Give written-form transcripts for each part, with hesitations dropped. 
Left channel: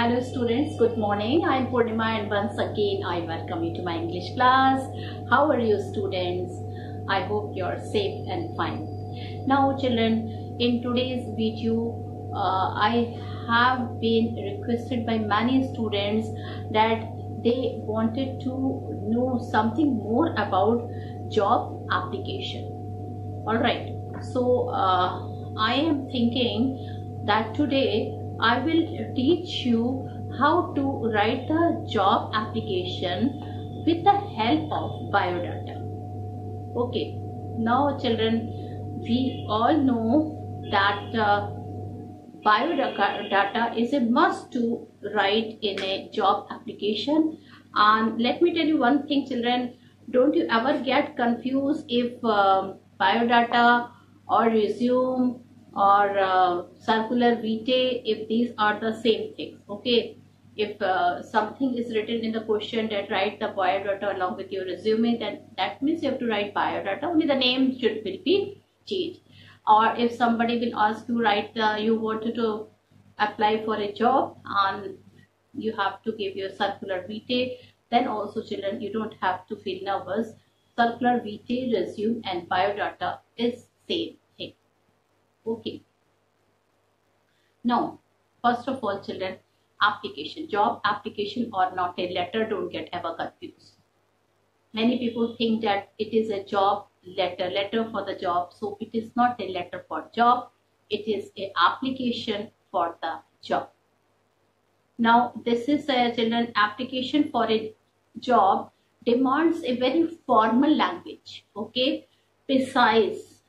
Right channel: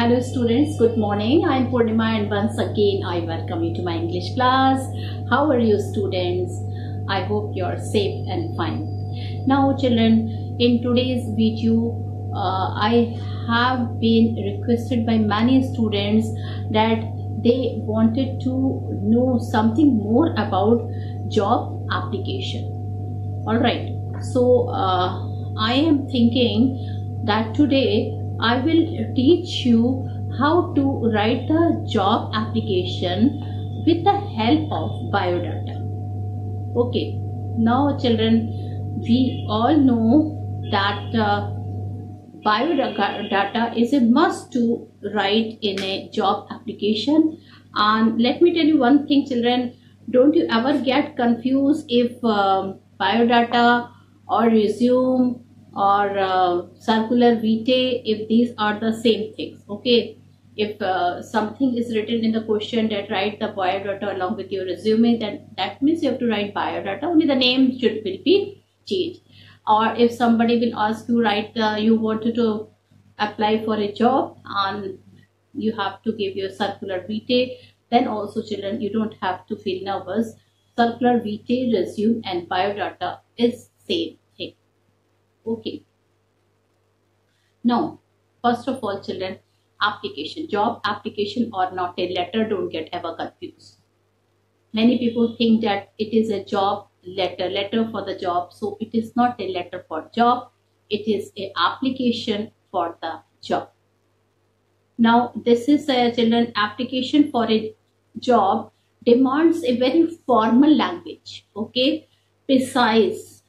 Hello students, good morning. I am Purnima and once again I welcome you to my English class. How are you students? I hope you are safe and fine. Now children, in today's video I have been requested by many students that they wanted to know something more about job application. Alright, so I am thinking that today I will teach you how to write the job application with the help of biodata. Okay, now children, we all know that biodata is a must to write in a job application. And let me tell you one thing children, don't you ever get confused if biodata or resume or circular vitae, if these are the same things. Okay, if something is written in the question that write the biodata along with your resume, then that means you have to write biodata, only the name will be changed. Or if somebody will ask you write you wanted to apply for a job and you have to give your circular vitae, then also children you don't have to feel nervous. Circular vitae, resume and biodata is same thing. Okay, now first of all children, application, job application or not a letter, don't get ever confused. Many people think that it is a job letter for the job. So it is not a letter for job, it is a application for the job. Now this is a children application for a job demands a very formal language. Okay, precise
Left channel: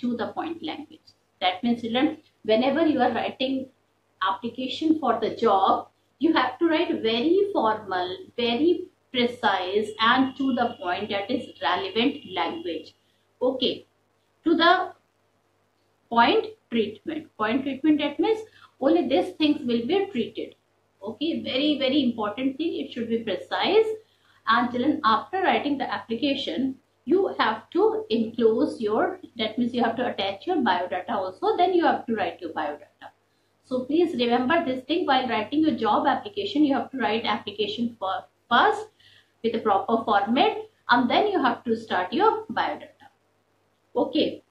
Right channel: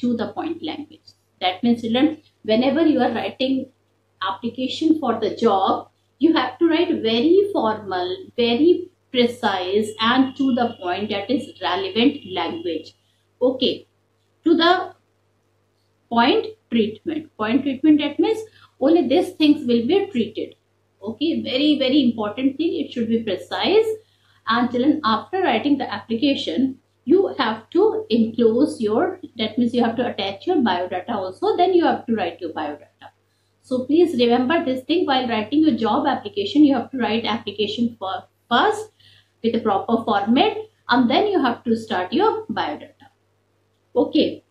to the point language. That means children, whenever you are writing application for the job, you have to write very formal, very precise and to the point, that is relevant language. Okay, to the point treatment. Point treatment, that means only these things will be treated. Okay, very important thing, it should be precise. And children, after writing the application, you have to enclose your, that means you have to attach your biodata also, then you have to write your biodata. So please remember this thing, while writing your job application, you have to write application for first with a proper format and then you have to start your biodata. Okay,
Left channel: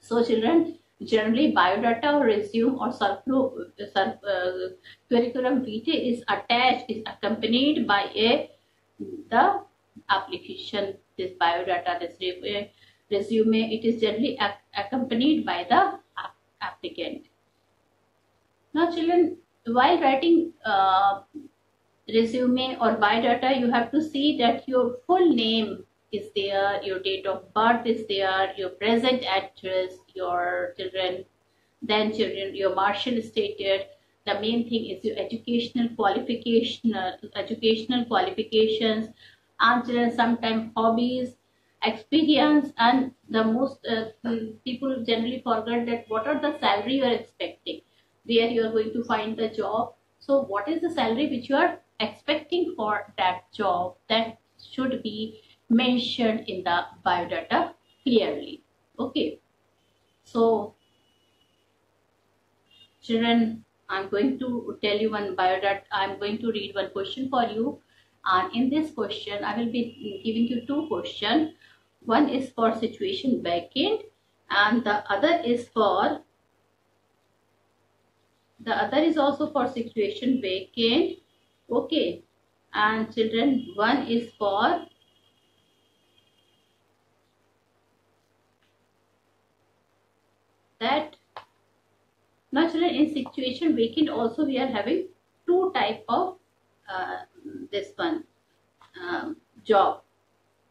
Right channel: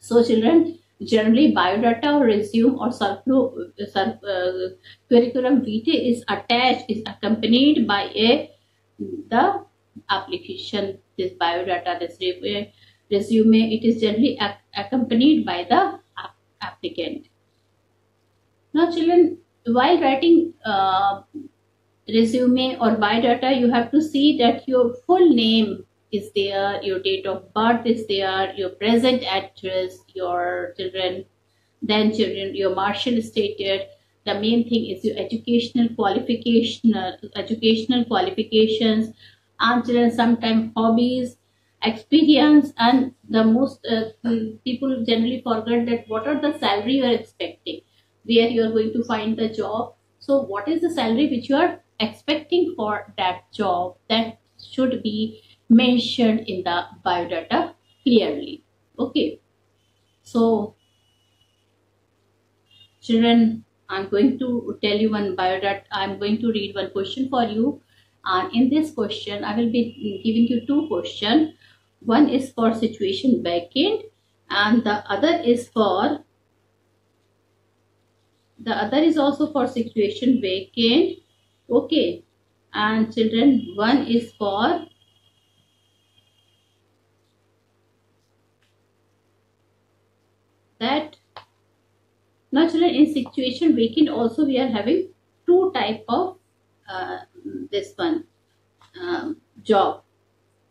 so children, generally biodata or resume or curriculum vitae is attached, is accompanied by the application. This biodata, this resume, it is generally accompanied by the applicant. Now children, while writing resume or biodata, you have to see that your full name is there, your date of birth is there, your present address, your children, then children, your marital status. The main thing is your educational qualifications, and children sometimes hobbies, experience, and the most people generally forget that what are the salary you are expecting, where you are going to find the job. So what is the salary which you are expecting for that job, that should be mentioned in the biodata clearly. Okay, so children, I'm going to tell you one biodata. I'm going to read one question for you, and in this question I will be giving you two questions. One is for situation vacant and the other is also for situation vacant. Okay, and children, one is for that. Now children, in situation vacant also we are having two type of this one job.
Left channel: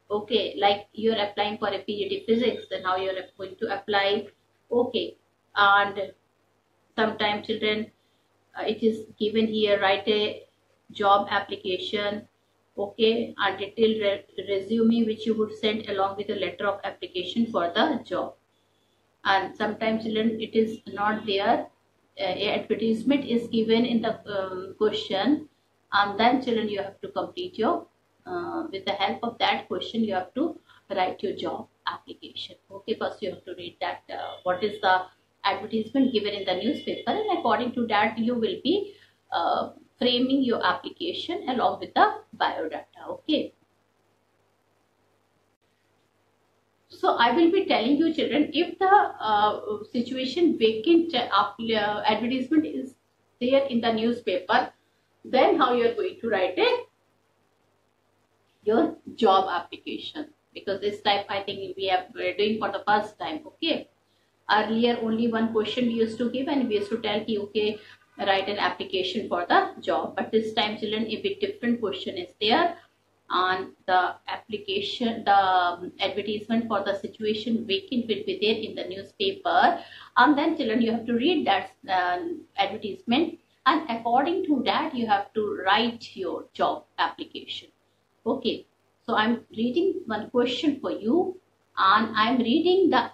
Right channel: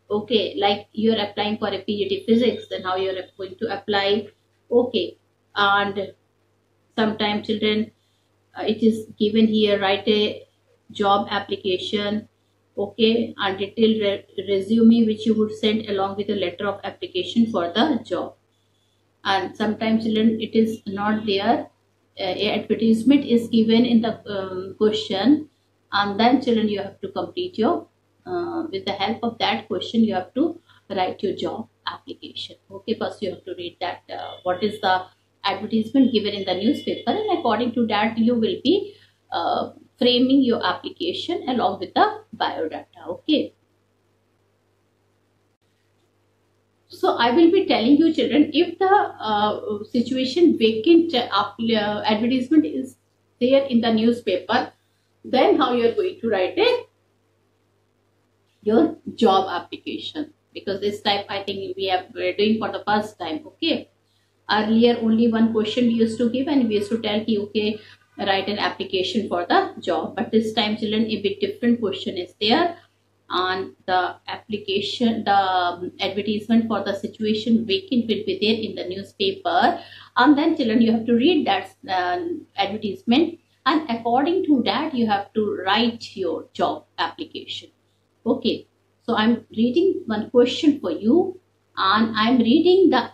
Okay, like you are applying for a PhD physics, then how you are going to apply. Okay, and sometimes children it is given here, write a job application. Okay, and detailed resume which you would send along with a letter of application for the job. And sometimes children it is not there, advertisement is given in the question, and then children you have to complete your with the help of that question you have to write your job application. Okay, first you have to read that what is the advertisement given in the newspaper, and according to that you will be framing your application along with the biodata. Okay. So I will be telling you children, if the situation vacant advertisement is there in the newspaper, then how you are going to write it? Your job application, because this type I think we're doing for the first time. Okay, earlier only one question we used to give and we used to tell you, okay, write an application for the job, but this time children a bit different question is there, and the application, the advertisement for the situation vacant will be there in the newspaper, and then children you have to read that advertisement, and according to that you have to write your job application. Okay, so I'm reading one question for you, and I'm reading the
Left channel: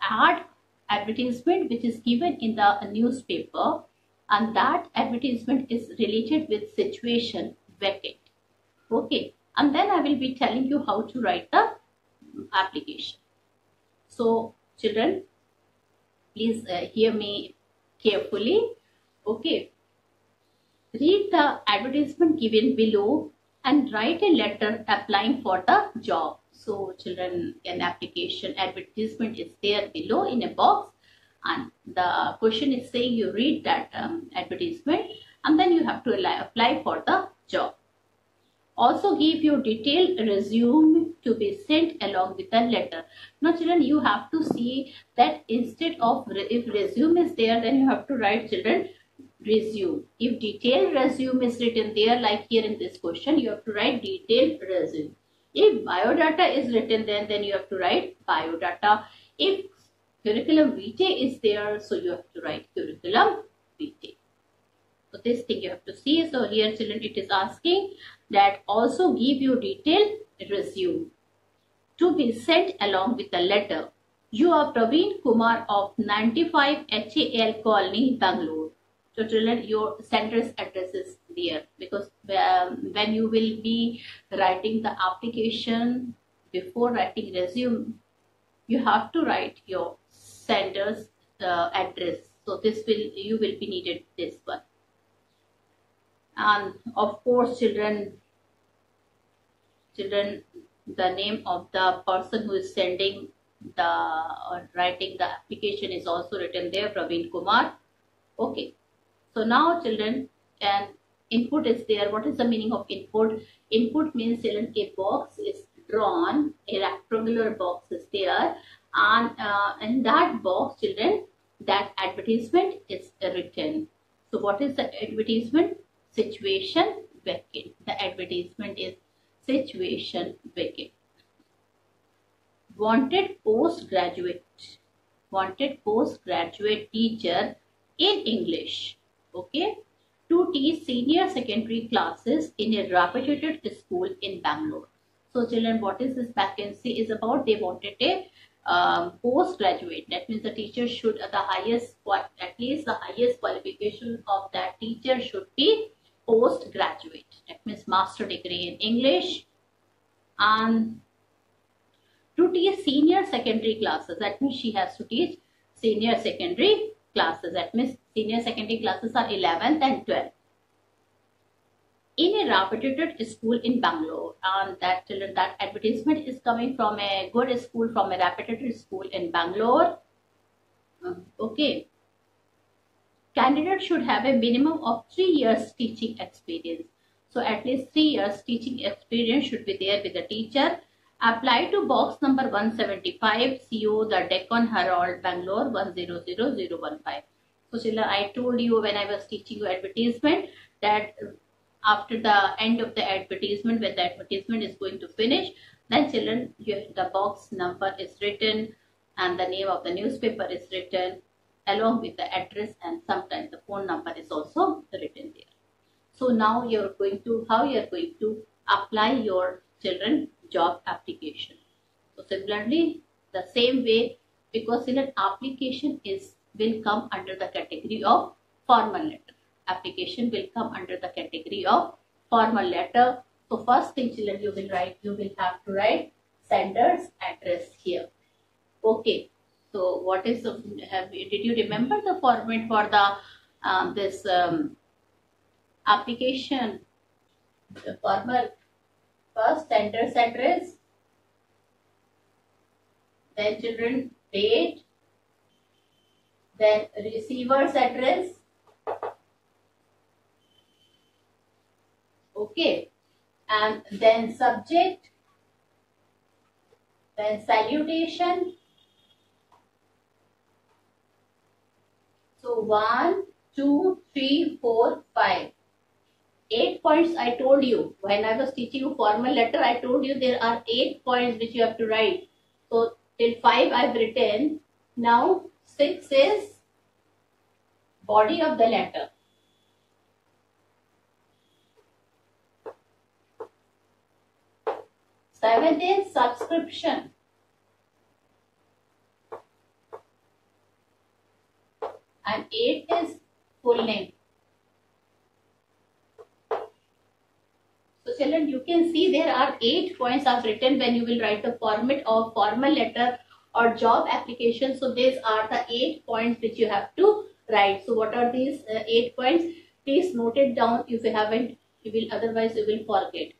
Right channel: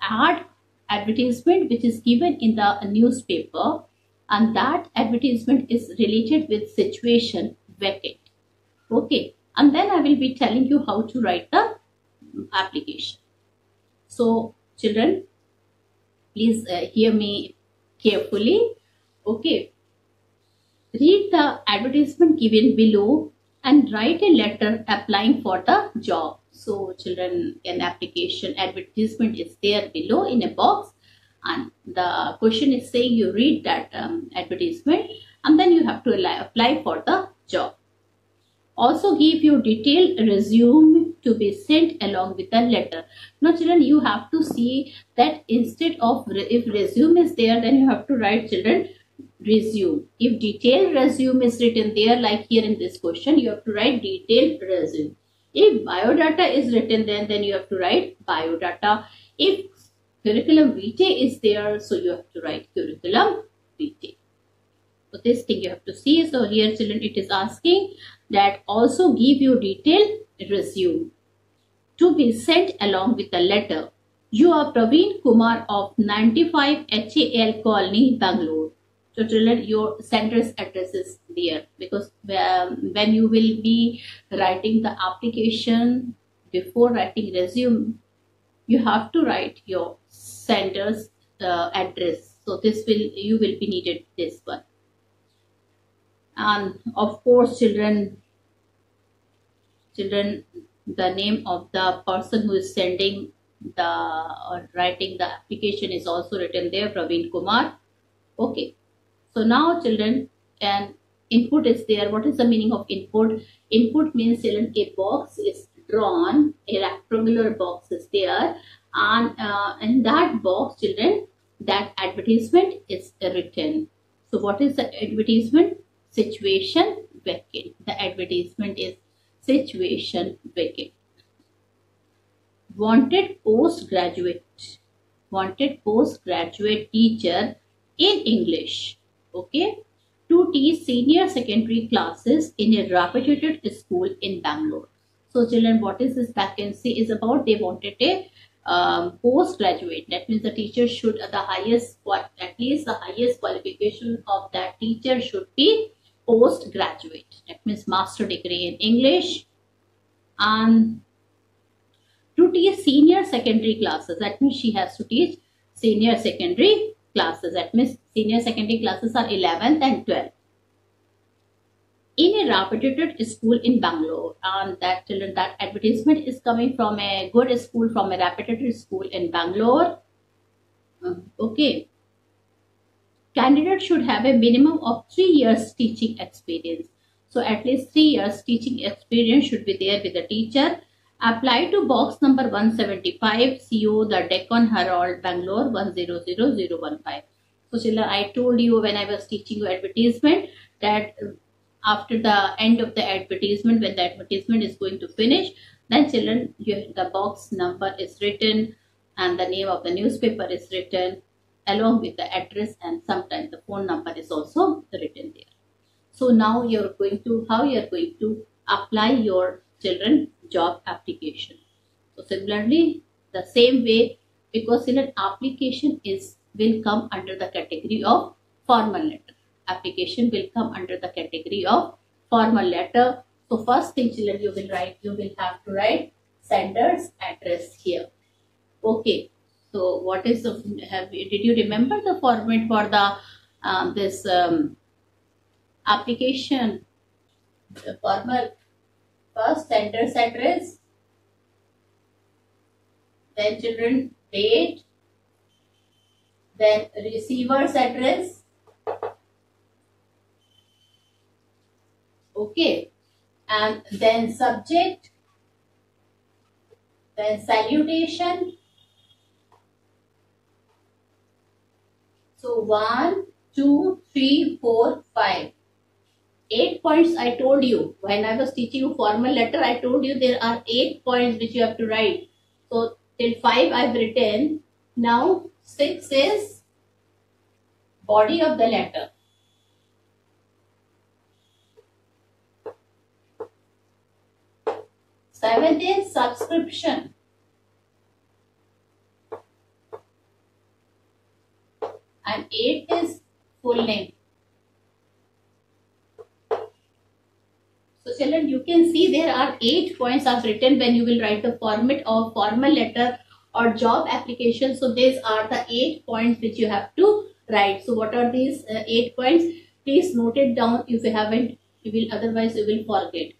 advertisement which is given in the newspaper, and that advertisement is related with situation vacant. Okay, and then I will be telling you how to write the application. So children, please hear me carefully. Okay, read the advertisement given below and write a letter applying for the job. So children, an application advertisement is there below in a box, and the question is saying you read that advertisement and then you have to apply for the job. Also give your detailed resume to be sent along with the letter. Now children, you have to see that instead of if resume is there, then you have to write children resume. If detailed resume is written there, like here in this question, you have to write detailed resume. If biodata is written then you have to write biodata. If curriculum vitae is there, so you have to write curriculum vitae. So this thing you have to see. So here children, it is asking that also give your detailed resume to be sent along with the letter. You are Praveen Kumar of 95 HAL Colony, Bangalore. So children, your center's address is there, because when you will be writing the application, before writing resume, you have to write your center's address. So this you will be needed this one. And of course children, the name of the person who is sending the or writing the application is also written there, Praveen Kumar. Okay, so now children, an input is there. What is the meaning of input? Input means children, a box is drawn, a rectangular box is there, and in that box children, that advertisement is written. So what is the advertisement? Situation vacant. The advertisement is situation vacant. Wanted postgraduate teacher in English, okay, to teach senior secondary classes in a reputed school in Bangalore. So children, what is this vacancy is about? They wanted a postgraduate. That means the teacher should at least the highest qualification of that teacher should be postgraduate. That means master degree in English, and to teach senior secondary classes. That means she has to teach senior secondary classes. That means senior secondary classes are 11th and 12th in a reputed school in Bangalore. And that children, that advertisement is coming from a good school, from a reputed school in Bangalore. Okay. Candidate should have a minimum of 3 years teaching experience. So at least 3 years teaching experience should be there with the teacher. Apply to box number 175, CO, the Deccan Herald, Bangalore 100015. So children, I told you when I was teaching you advertisement that after the end of the advertisement, when the advertisement is going to finish, then children, the box number is written and the name of the newspaper is written along with the address, and sometimes the phone number is also written there. So now how you are going to apply your children job application. So similarly, the same way, because in an application will come under the category of formal letter. Application will come under the category of formal letter. So first thing children, you will have to write sender's address here. Okay. So what is did you remember the format for the application, the formal, first sender's address, then children date, then receiver's address. Okay, and then subject, then salutation. So 1, 2, 3, 4, 5. 8 points I told you. When I was teaching you formal letter, I told you there are 8 points which you have to write. So till 5 I've written. Now 6 is body of the letter. 7 is subscription. And 8 is full name. So children, you can see there are 8 points I've written when you will write the format of formal letter or job application. So these are the 8 points which you have to write. So what are these 8 points? Please note it down. If you haven't, you will, otherwise you will forget.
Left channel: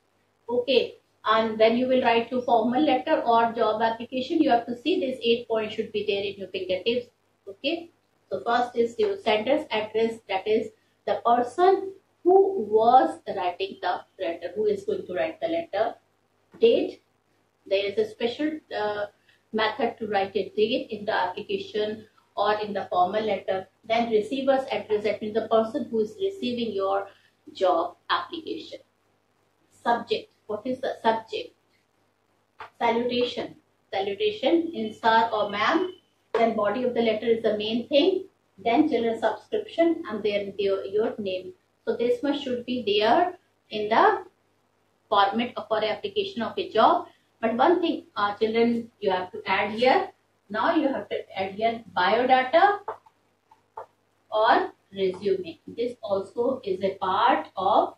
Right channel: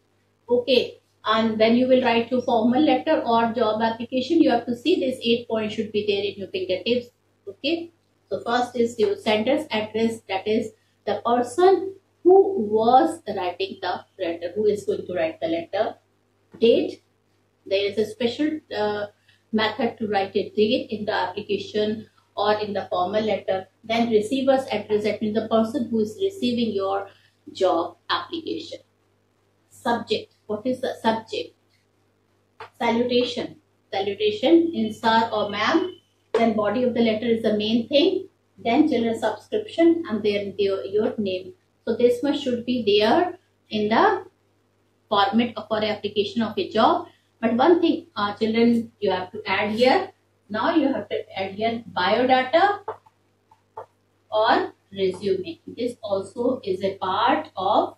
Okay. And when you will write your formal letter or job application, you have to see these 8 points should be there in your fingertips. Okay. So first is your sender's address, that is the person who was writing the letter, who is going to write the letter. Date, there is a special method to write a date in the application or in the formal letter. Then receiver's address, that means the person who is receiving your job application. Subject, what is the subject? Salutation, salutation in sir or ma'am. Then body of the letter is the main thing. Then children subscription and then your name. So this much should be there in the format for application of a job. But one thing, children, you have to add here. Now you have to add here biodata or resume. This also is a part of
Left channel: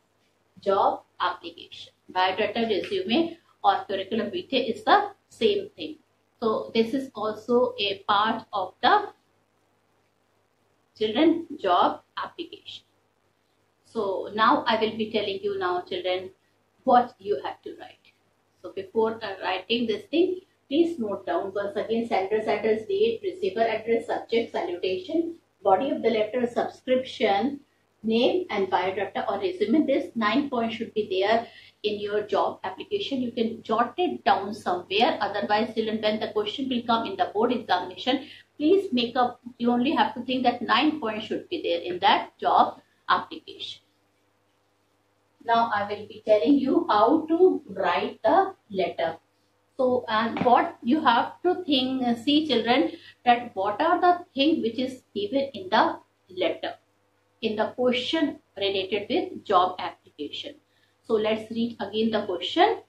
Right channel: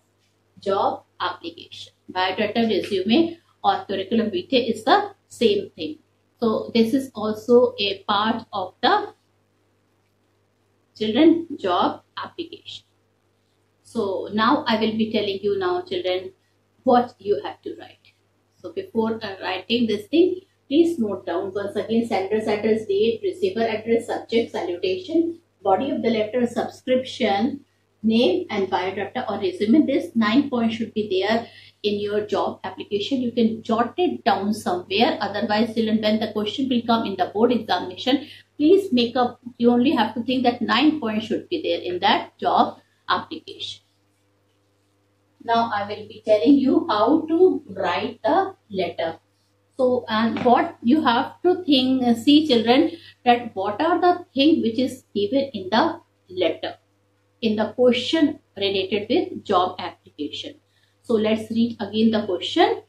job application. Biodata, resume or curriculum vitae is the same thing. So this is also a part of the children job application. So now I will be telling you now, children, what you have to write. So before writing this thing, please note down once again sender's address, date, receiver address, subject, salutation, body of the letter, subscription, name and biodata or resume. This 9 points should be there in your job application. You can jot it down somewhere. Otherwise, children, when the question will come in the board examination, please make up, you only have to think that 9 points should be there in that job application. Now I will be telling you how to write the letter. So, and what you have to think, see children, that what are the things which is given in the letter, in the question related with job application. So let's read again the question.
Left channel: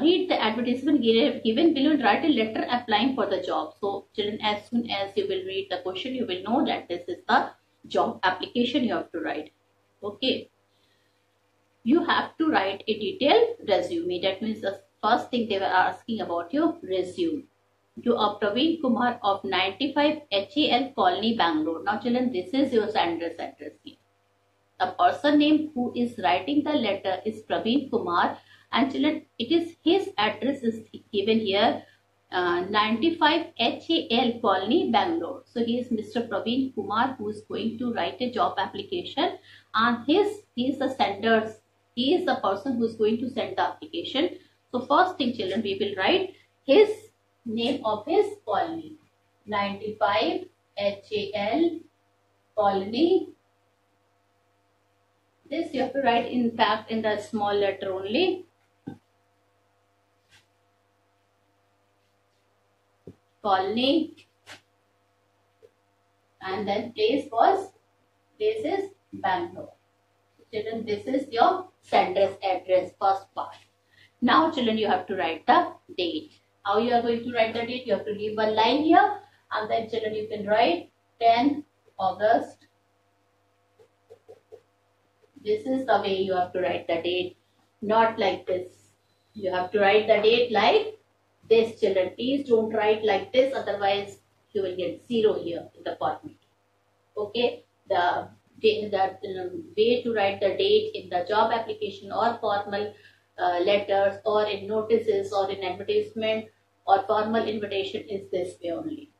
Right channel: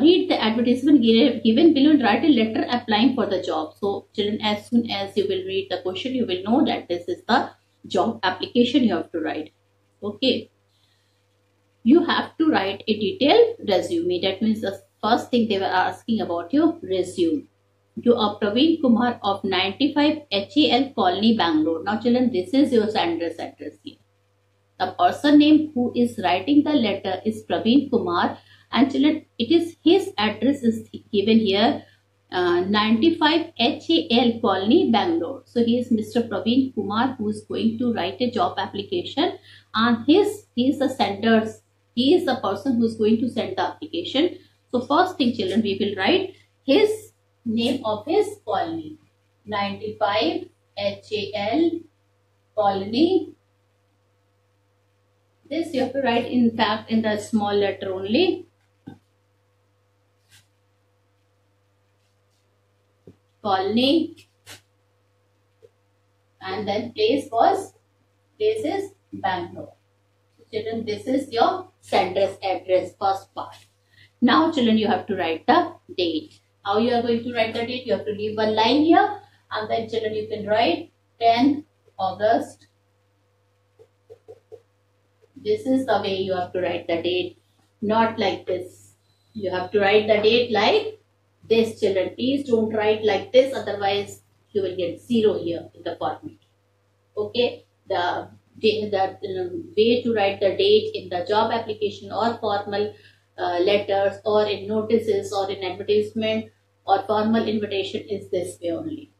Read the advertisement given below and write a letter applying for the job. So children, as soon as you will read the question, you will know that this is the job application you have to write. Okay. You have to write a detailed resume. That means the first thing they were asking about your resume. You are Praveen Kumar of 95 HAL Colony, Bangalore. Now children, this is your sender's address here. The person name who is writing the letter is Praveen Kumar, and children, it is his address is given here, 95 HAL Colony, Bangalore. So he is Mr. Praveen Kumar who is going to write a job application, and he is the sender's. He is the person who is going to send the application. So first thing, children, we will write his name of his colony. 95 HAL Colony. This you have to write in fact in the small letter only. Colony. And then place is Bangalore. Children, this is your sender's address, first part. Now children, you have to write the date. How you are going to write the date? You have to leave one line here, and then children, you can write 10 August. This is the way you have to write the date, not like this. You have to write the date like this, children. Please don't write like this, otherwise you will get 0 here in the format. Okay, the way to write the date in the job application or formal letters or in notices or in advertisement or formal invitation is this way only.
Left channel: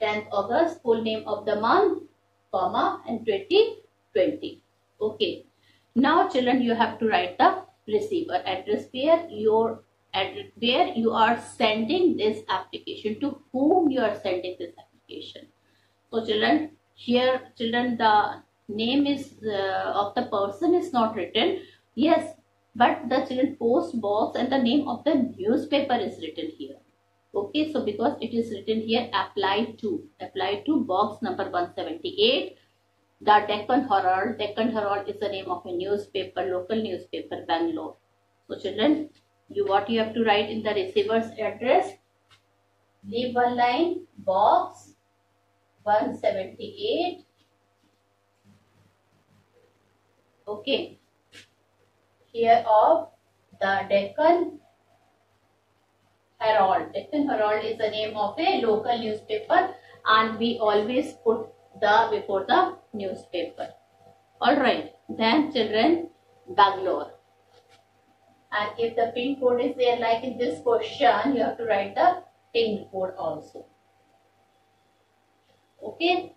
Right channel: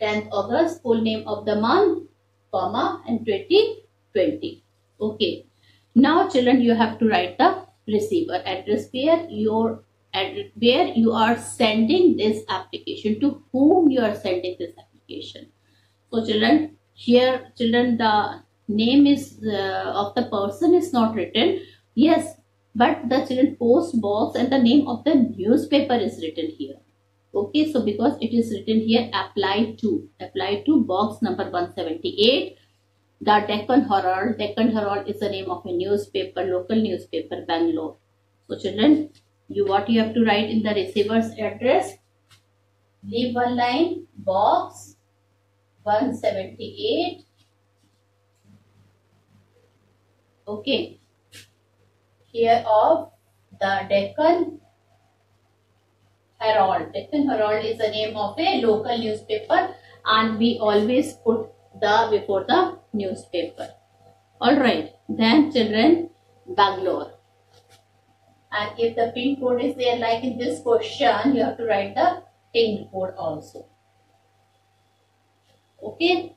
10th August, full name of the month, comma, and 2020. Okay. Now children, you have to write the receiver address where you are sending this application, to whom you are sending this application. So children, here children, the name is of the person is not written, yes, but the children post box and the name of the newspaper is written here. Okay, so because it is written here, apply to box number 178, the Deccan Herald. Deccan Herald is the name of a newspaper, local newspaper, Bangalore. So children, what you have to write in the receiver's address, leave one line, box 178. Okay, here of the Deccan Herald. Deccan Herald is the name of a local newspaper, and we always put the before the newspaper. Alright, then children, Bangalore. And if the pin code is there, like in this question, you have to write the pin code also. Okay.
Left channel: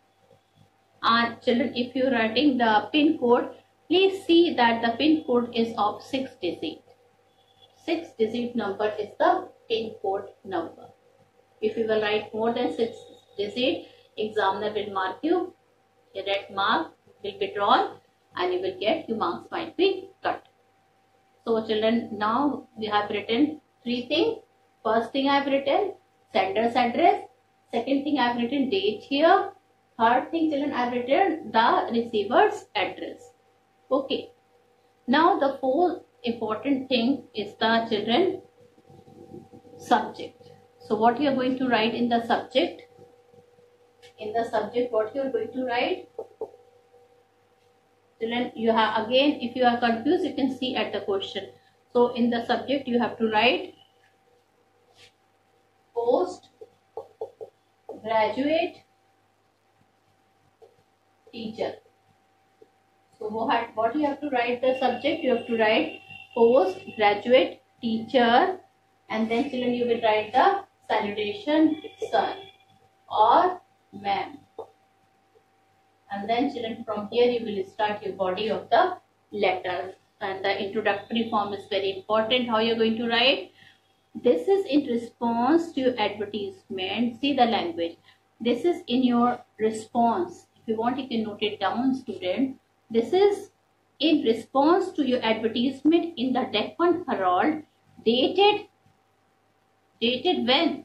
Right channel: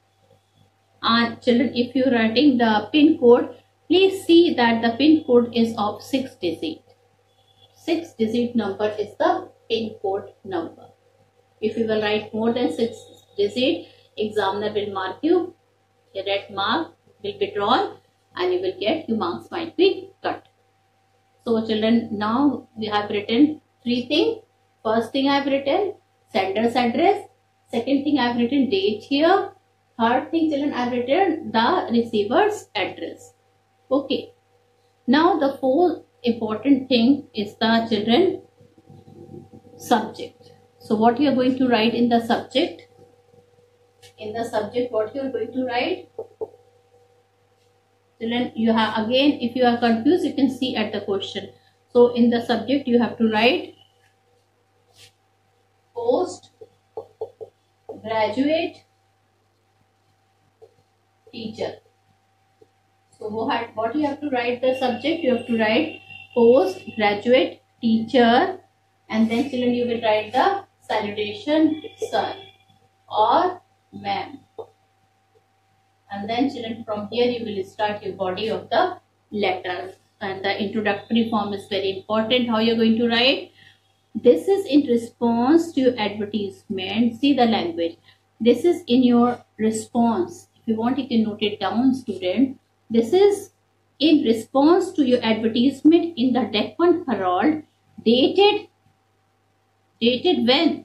And children, if you are writing the pin code, please see that the pin code is of 6 digits. 6 digit number is the pin code number. If you will write more than 6 digits, examiner will mark you, a red mark will be drawn, and you will get, your marks might be cut. So children, now we have written 3 things. First thing I have written sender's address. Second thing I have written date here. Third thing children, I have written the receiver's address. Okay. Now the fourth important thing is the children subject. So what you are going to write in the subject? In the subject, what you are going to write? Children, you have, again, if you are confused, you can see at the question. So in the subject, you have to write post graduate teacher. So what you have to write the subject? You have to write post graduate teacher, and then children, you will write the salutation, sir or ma'am. And then children, from here you will start your body of the letter, and the introductory form is very important. How you are going to write? This is in response to your advertisement. See the language. This is in your response. If you want, you can note it down, student. This is in response to your advertisement in the Deccan Herald, dated when?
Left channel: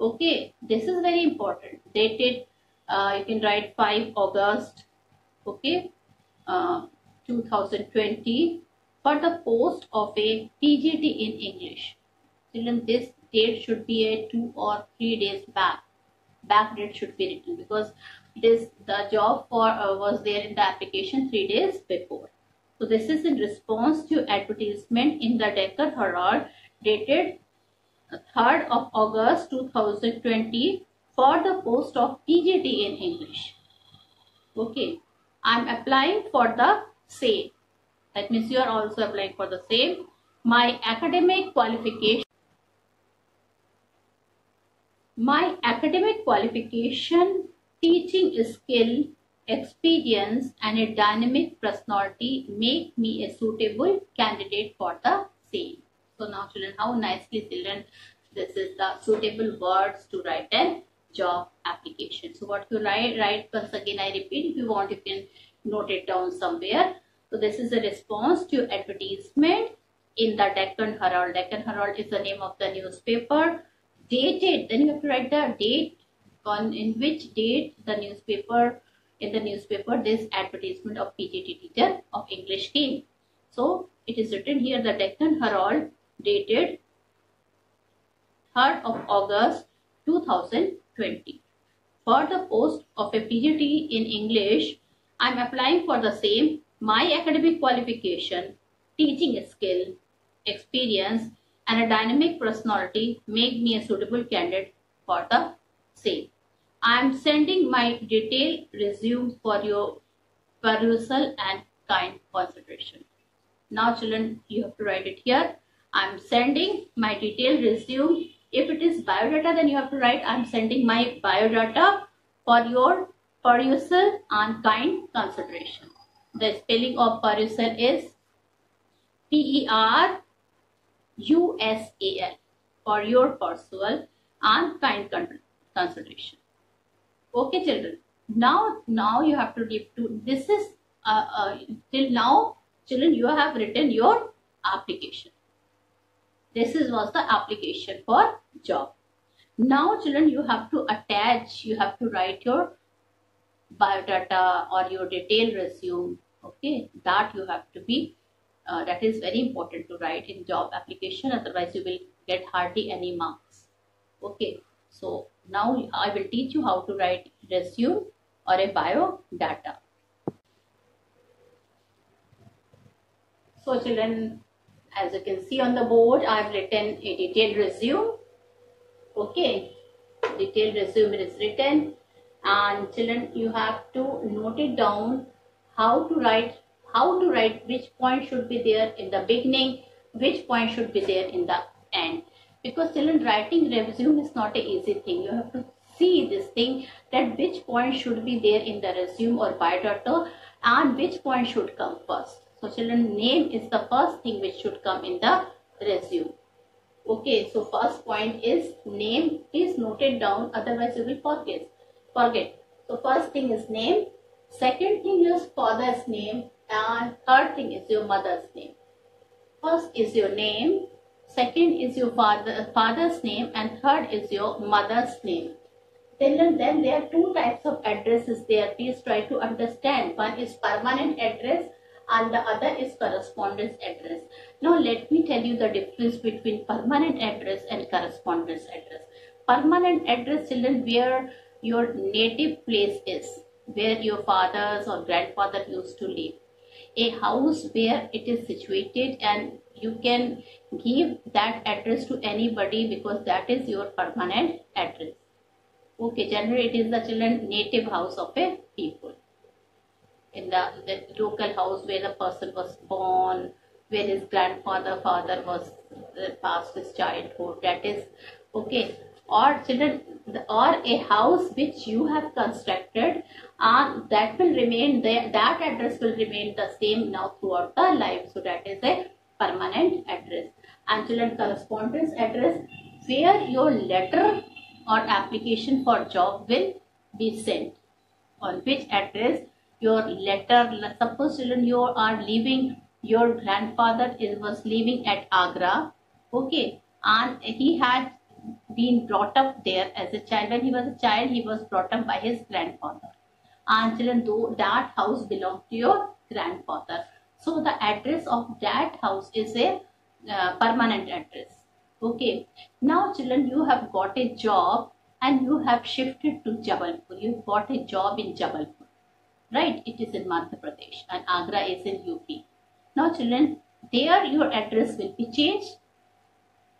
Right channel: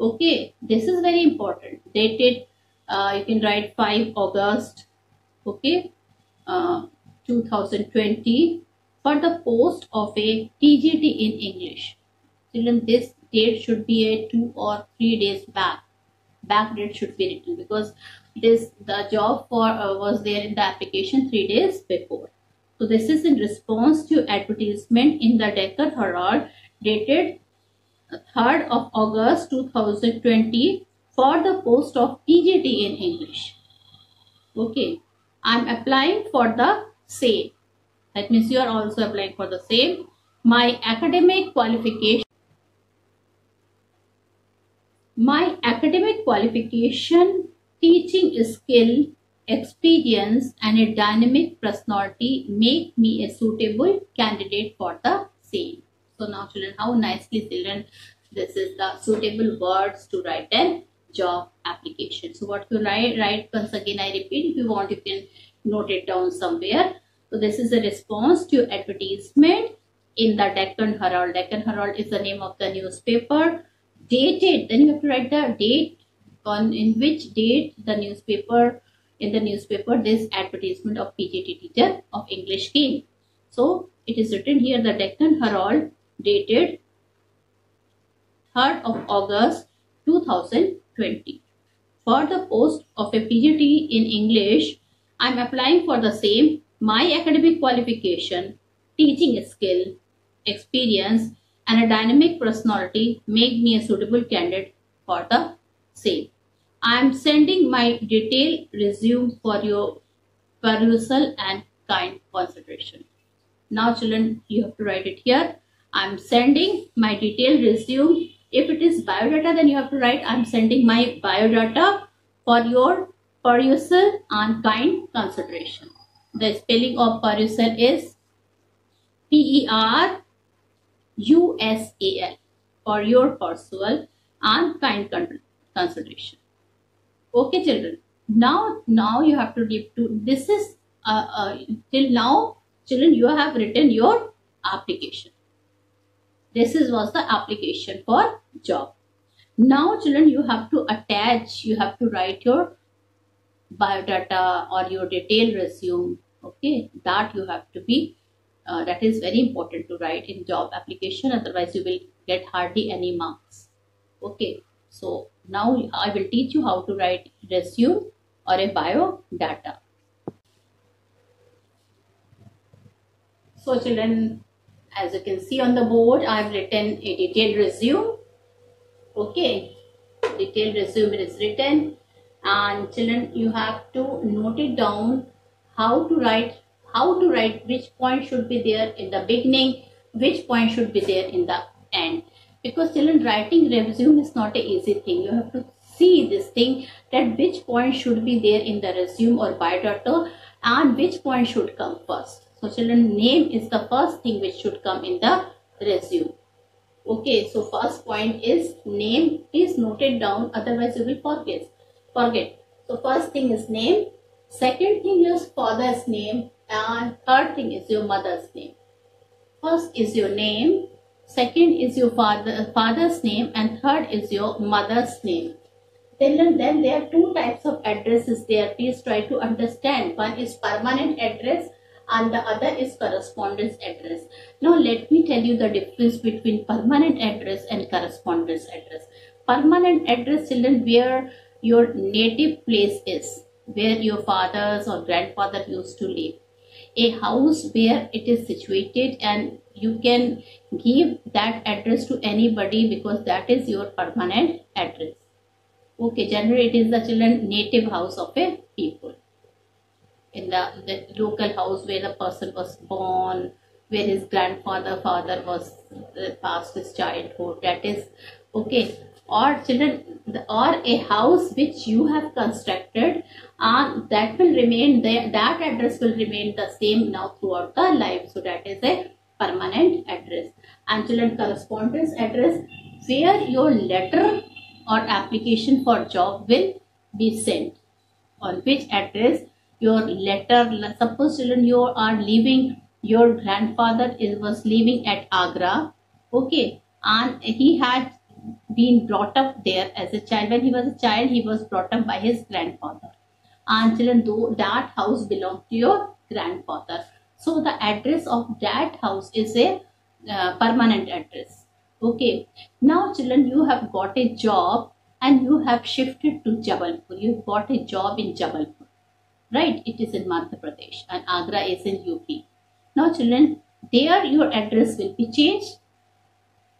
Okay, this is very important. Dated, you can write 5 August, okay, 2020, for the post of a TGT in English. Children, this date should be a 2 or 3 days back. Back date should be written, because the job for was there in the application 3 days before. So this is in response to advertisement in the Deccan Herald, dated 3rd of August 2020, for the post of TGT in English. Okay, I am applying for the same. That means you are also applying for the same. My academic qualification, teaching skill, experience, and a dynamic personality make me a suitable candidate for the same. So now children, how nicely children, this is the suitable words to write an job application. So what you write once again, I repeat, if you want you can note it down somewhere. So this is a response to advertisement in the Deccan Herald. Deccan Herald is the name of the newspaper. Dated, then you have to write the date, on in which date the newspaper, in the newspaper this advertisement of PGT teacher of English came. So it is written here, the Deccan Herald, dated 3rd of August 2020. For the post of a PGT in English, I am applying for the same. My academic qualification, teaching skill, experience, and a dynamic personality make me a suitable candidate for the same. I am sending my detailed resume for your perusal and kind consideration. Now children, you have to write it here. I'm sending my detailed resume. If it is biodata, then you have to write I'm sending my biodata for your perusal and kind consideration. The spelling of perusal is PERUSAL, for your perusal and kind consideration. Okay children, now you have to give to this is till now children you have written your application. This was the application for job. Now children, you have to attach, you have to write your biodata or your detailed resume. Okay, that you have to be that is very important to write in job application, otherwise you will get hardly any marks. Okay, so now I will teach you how to write resume or a biodata. So children, as you can see on the board, I have written a detailed resume. Okay, detailed resume is written, and children, you have to note it down how to write which point should be there in the beginning, which point should be there in the end. Because children, writing resume is not an easy thing. You have to see this thing that which point should be there in the resume or biodata and which point should come first. So children, name is the first thing which should come in the resume. Okay, so first point is name. Please note it down, otherwise you will forget. So first thing is name, second thing is father's name, and third thing is your mother's name. First is your name, second is your father's name, and third is your mother's name. Then there are two types of addresses there. Please try to understand. One is permanent address and the other is correspondence address. Now let me tell you the difference between permanent address and correspondence address. Permanent address, children, where your native place is, where your fathers or grandfather used to live. A house where it is situated, and you can give that address to anybody because that is your permanent address. Okay, generally it is the children native house of a people. In the local house where the person was born, where his father was past his childhood, that is okay. Or children, or a house which you have constructed, and that will remain there, that address will remain the same now throughout the life. So that is a permanent address. And children, correspondence address, where your letter or application for job will be sent. On which address your letter, suppose children you are living, your grandfather was living at Agra, okay, and he had been brought up there as a child. When he was a child, he was brought up by his grandfather, and children, though that house belonged to your grandfather, so the address of that house is a permanent address. Okay, now children, you have got a job and you have shifted to Jabalpur. You got a job in Jabalpur, right? It is in Madhya Pradesh and Agra is in UP. Now children, there your address will be changed,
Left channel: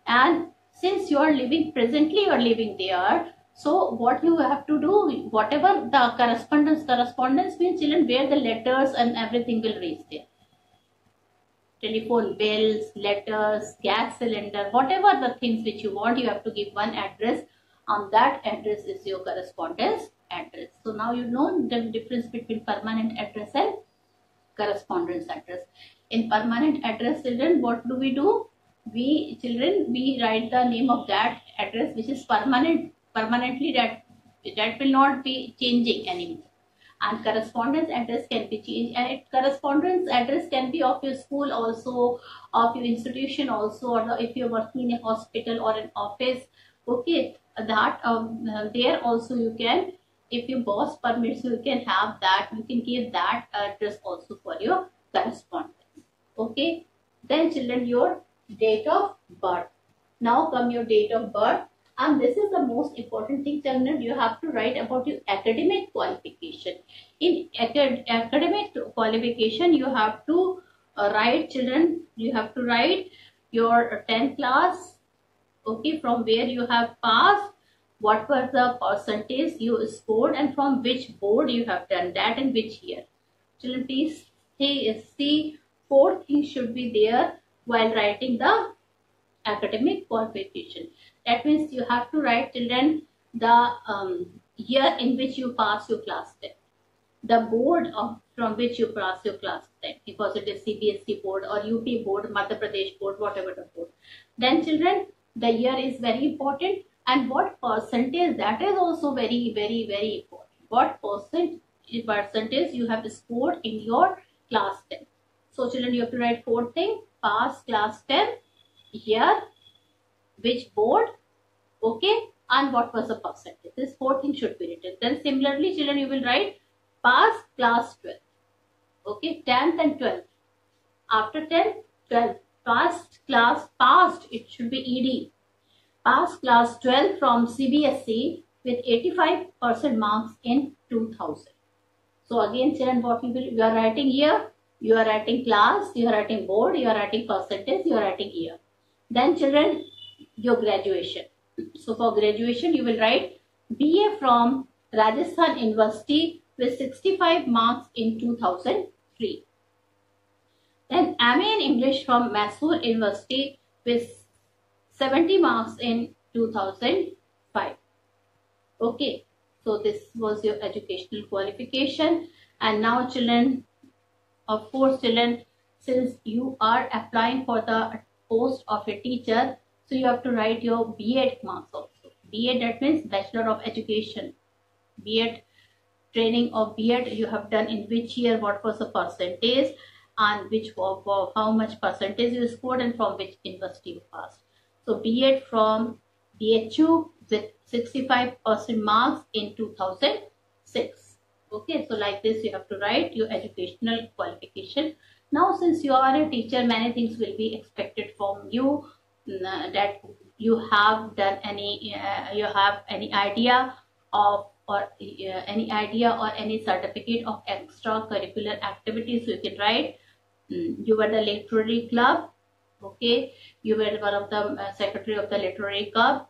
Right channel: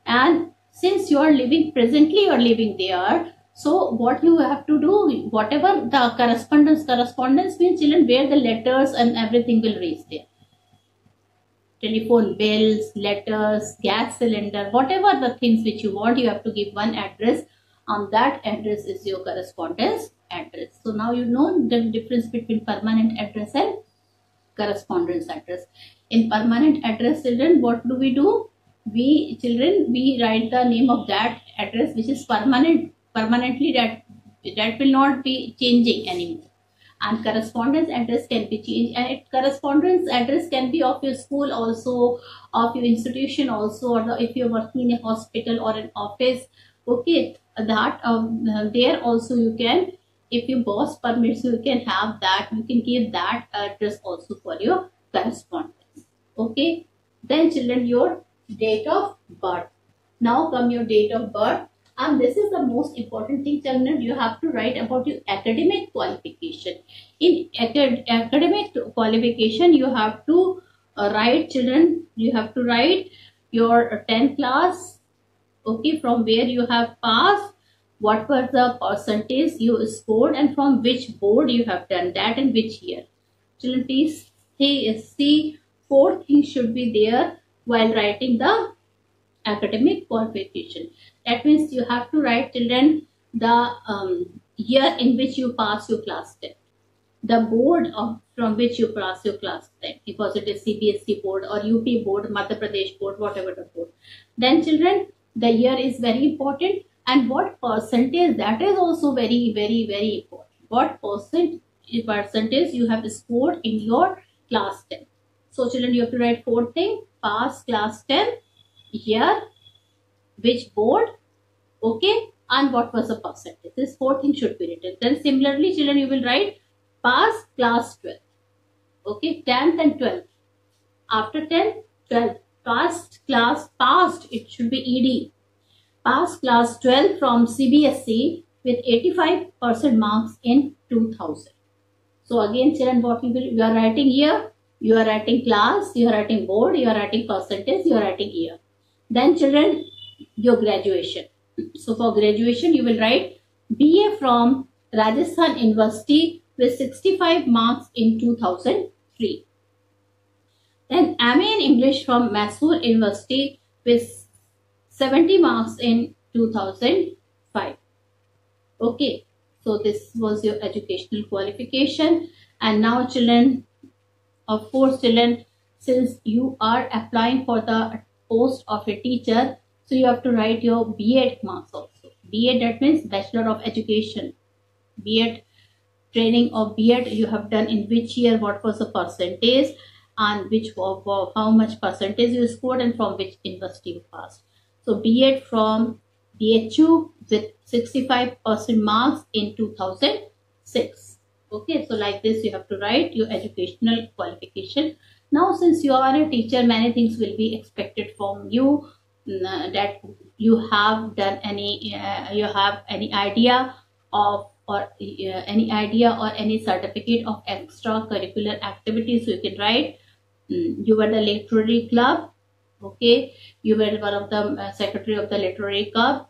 and since you are living presently, you are living there, so what you have to do, whatever the correspondence means children, where the letters and everything will reach there. Telephone bills, letters, gas cylinder, whatever the things which you want, you have to give one address, and that address is your correspondence address. So now you know the difference between permanent address and correspondence address. In permanent address, children, what do? We write the name of that address which is permanently, that will not be changing anymore. And correspondence address can be changed, and correspondence address can be of your school also, of your institution also, or if you're working in a hospital or an office. Okay, that there also you can, if your boss permits, you can have that, you can give that address also for your correspondence. Okay, then children, your date of birth. Now come your date of birth, and this is the most important thing, children. You have to write about your academic qualification. In academic qualification, you have to write, children, you have to write your 10th class, okay, from where you have passed, what was the percentage you scored, and from which board you have done that and which year. children, please see four things should be there while writing the academic qualification. That means you have to write, children, the year in which you pass your class 10, the board from which you pass your class 10, because it is CBSE board or UP board, Madhya Pradesh board, whatever the board. Then children, the year is very important, and what percentage, that is also very, very, very important. What percentage you have scored in your class 10. So children, you have to write four things: pass class 10, year, which board, okay, and what was the percentage. This four things should be written. Then similarly, children, you will write pass class 12, okay, 10th and 12th. After 10th, 12th, passed, it should be ED. Pass class 12 from CBSE with 85% marks in 2000. So again, children, what you are writing here, you are writing class, you are writing board, you are writing percentage, you are writing year. Then children, your graduation. So for graduation, you will write BA from Rajasthan University with 65 marks in 2003. Then MA in English from Mysore University with 70 marks in 2005. Okay, so this was your educational qualification. And now children, of course children, since you are applying for the post of a teacher, so you have to write your B.Ed marks also. B.Ed, that means Bachelor of Education. B.Ed, training of B.Ed you have done in which year, what was the percentage, and which how much percentage you scored, and from which university you passed. So B.Ed from BHU with 65% marks in 2006. Okay, so like this you have to write your educational qualification. Now since you are a teacher, many things will be expected from you, that you have done any you have any idea of or any certificate of extracurricular activities. So you can write you were the literary club, okay, you were one of the secretary of the literary club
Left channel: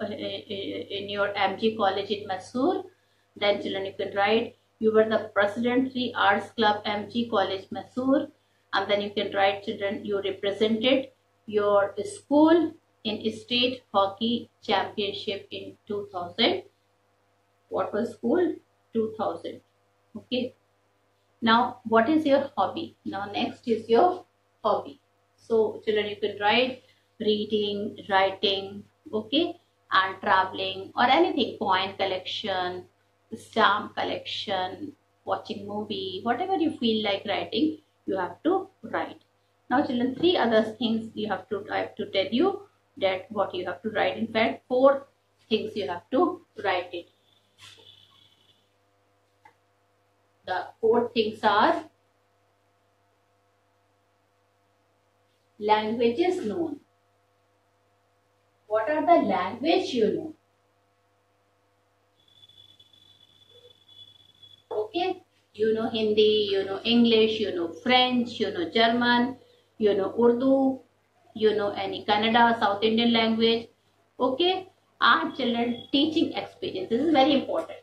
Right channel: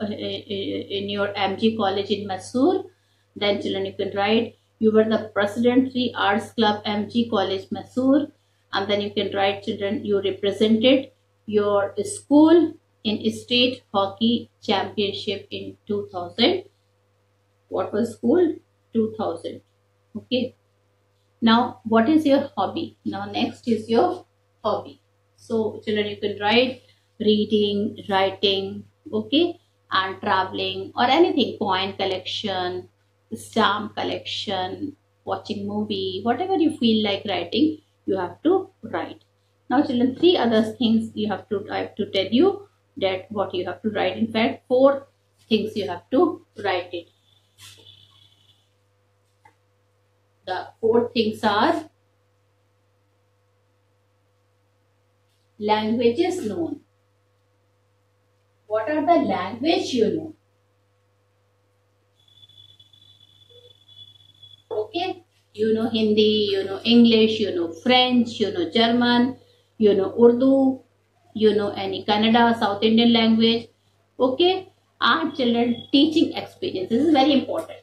in your MG college in Mysore. Then children, you can write you were the presidentary arts club MG college Mysore. And then you can write, children, you represented your school in state hockey championship in 2000. What was school? 2000. Okay. Now, what is your hobby? Now, next is your hobby. So, children, you can write reading, writing, okay, and traveling or anything, coin collection, stamp collection, watching movie, whatever you feel like writing, you have to write. Now, children, three other things I have to tell you that what you have to write. In fact, four things you have to write it. The four things are languages known. What are the language you know? Okay, you know Hindi, you know English, you know French, you know German, you know Urdu, you know any Kannada, South Indian language. Okay, and children, teaching experience. This is very important.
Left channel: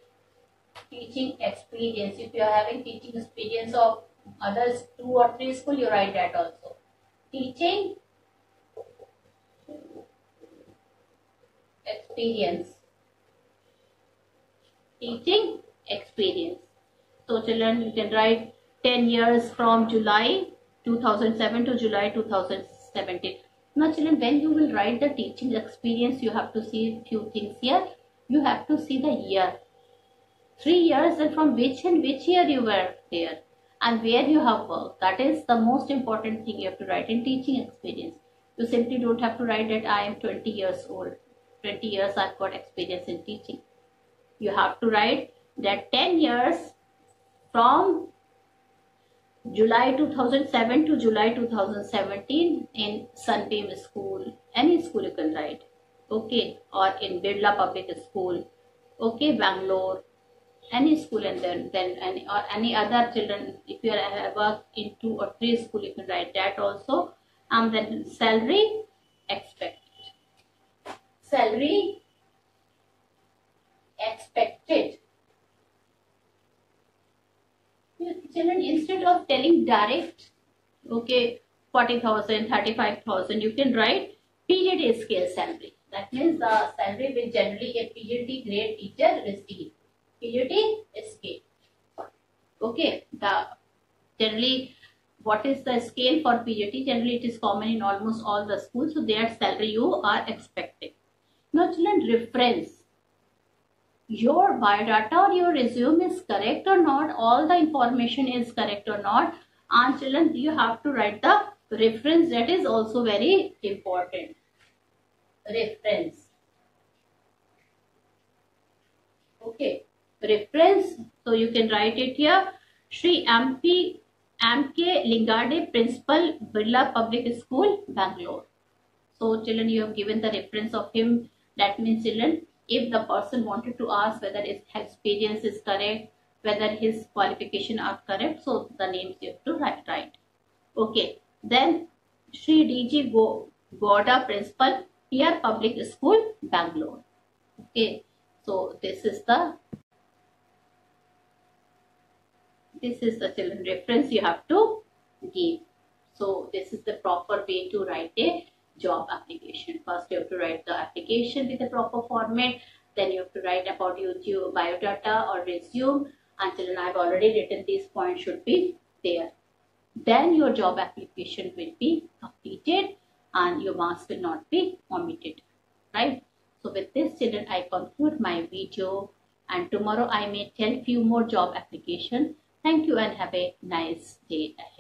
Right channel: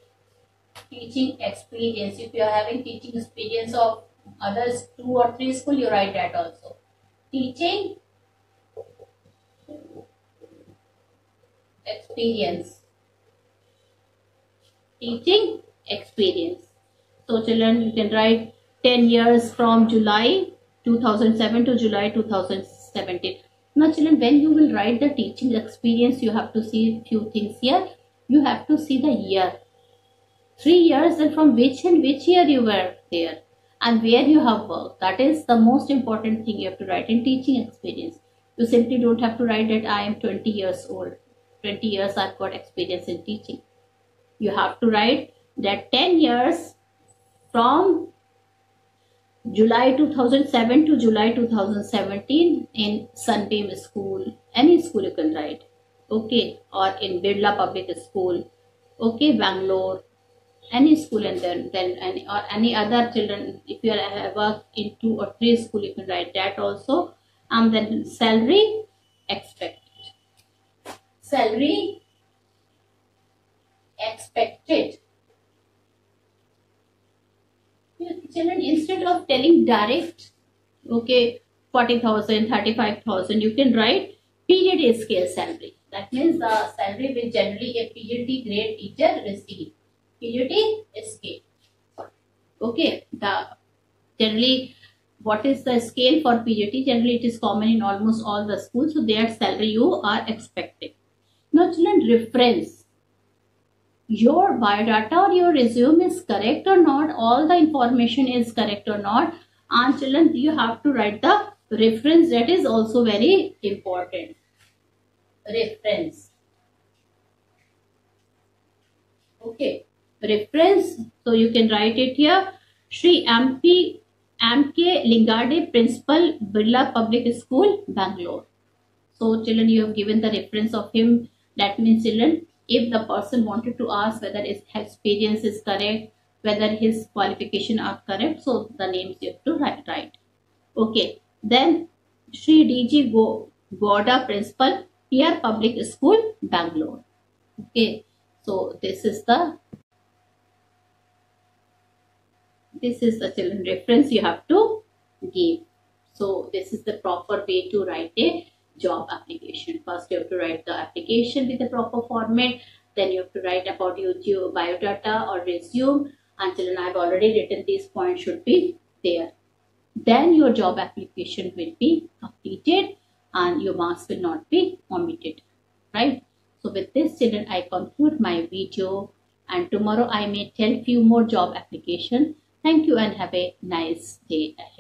Teaching experience. If you are having teaching experience of others 2 or 3 school, you write that also. Teaching experience. Teaching experience. So children, you can write 10 years from July 2007 to July 2017. Now children, when you will write the teaching experience, you have to see few things here. You have to see the year. 3 years, and from which year you were there and where you have worked. That is the most important thing you have to write in teaching experience. You simply don't have to write that I am 20 years old. 20 years I've got experience in teaching. You have to write that 10 years from July 2007 to July 2017 in Sunbeam School. Any school you can write. Okay, or in Birla Public School. Okay, Bangalore. Any school, and then any other children, if you have worked in 2 or 3 school, you can write that also. And then salary expected. Salary expected. children, instead of telling direct, okay, 40,000, 35,000, you can write period scale salary. That means the salary which generally a PhD grade teacher receives. PhD scale. Okay, the generally what is the scale for PhD? Generally it is common in almost all the schools, so their salary you are expecting. Now children, reference. Your biodata or your resume is correct or not, all the information is correct or not, and children, you have to write the reference. That is also very important. Reference. Okay, reference. So you can write it here. Shri M.K. Lingade, Principal, Birla Public School, Bangalore. So children, you have given the reference of him. That means children, if the person wanted to ask whether his experience is correct, whether his qualification are correct, so the names you have to write. Okay, then Shri D.G. Goda, Principal, PR Public School, Bangalore. Okay, so this is the children reference you have to give. So this is the proper way to write a job application. First you have to write the application with the proper format, then you have to write about your biodata or resume, and children, I have already written these points should be there. Then your job application will be completed and your marks will not be omitted, right? So with this children, I conclude my video, and tomorrow I may tell few more job application. Thank you and have a nice day ahead.